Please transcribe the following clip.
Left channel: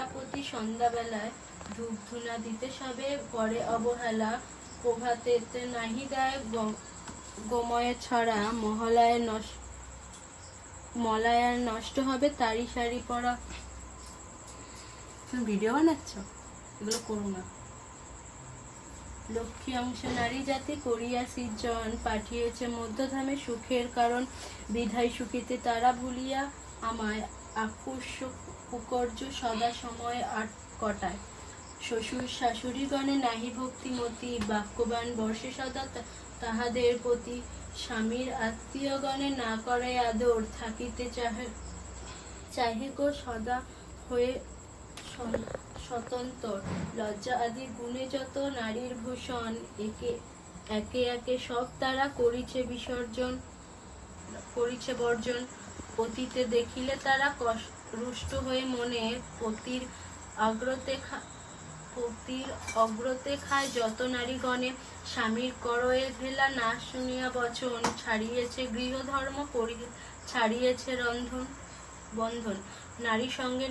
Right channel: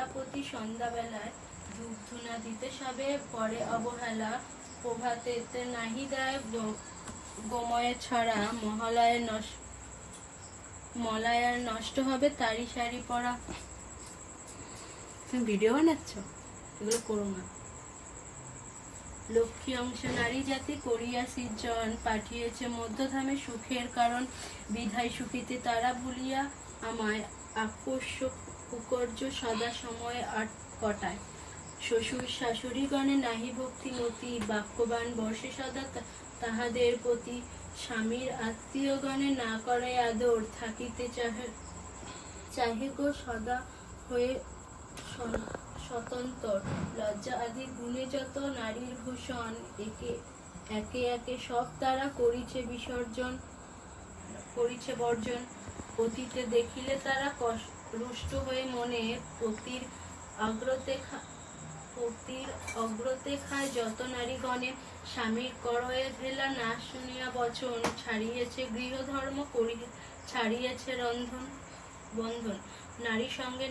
তারাপতি সন্ধ্যাবেলায় ধূপ ধুনা দিতে সবে করে অবহেলা, প্রভাতেতে নাহি দেয় গোময়ে ছড়া, মলায়ার নষ্ট হবে তারি শাড়ি পরা। তুমি ভিডিও বানাচ্ছ, এগুলো করো না। লক্ষ্মী অংশ নারী জাতি করিয়া সৃজন, পাঠিয়েছে মধ্যধামে সুখের কারণ, বিধায় সুখীতে তারা ভুলিয়া আমায়, আকস্মিক কুকর্য সদা সময় কটায়। শ্বশুর শাশুড়িগণে নাহি ভক্তিমতী, বাক্যবান বর্ষে সদা তাহাদের প্রতি, স্বামীর আত্মীয়গণে না করে আদর, থাকিতে চাহে গো সদা হয়ে স্বতন্ত্র। লজ্জা আদি গুণে যত নারীর ভূষণ, একে একে সব তারা করিছে বর্জন। অতীতে দেখিলে তারা রুষ্ট হয়ে মনে, পতির অগ্রতে খায় যত নারীগণে, স্বামীর করয়ে হেলা না শুনিয়া বচন, ছাড়িয়েছে গৃহধর্ম ছাড়িয়েছে বন্ধন। নারী সঙ্গে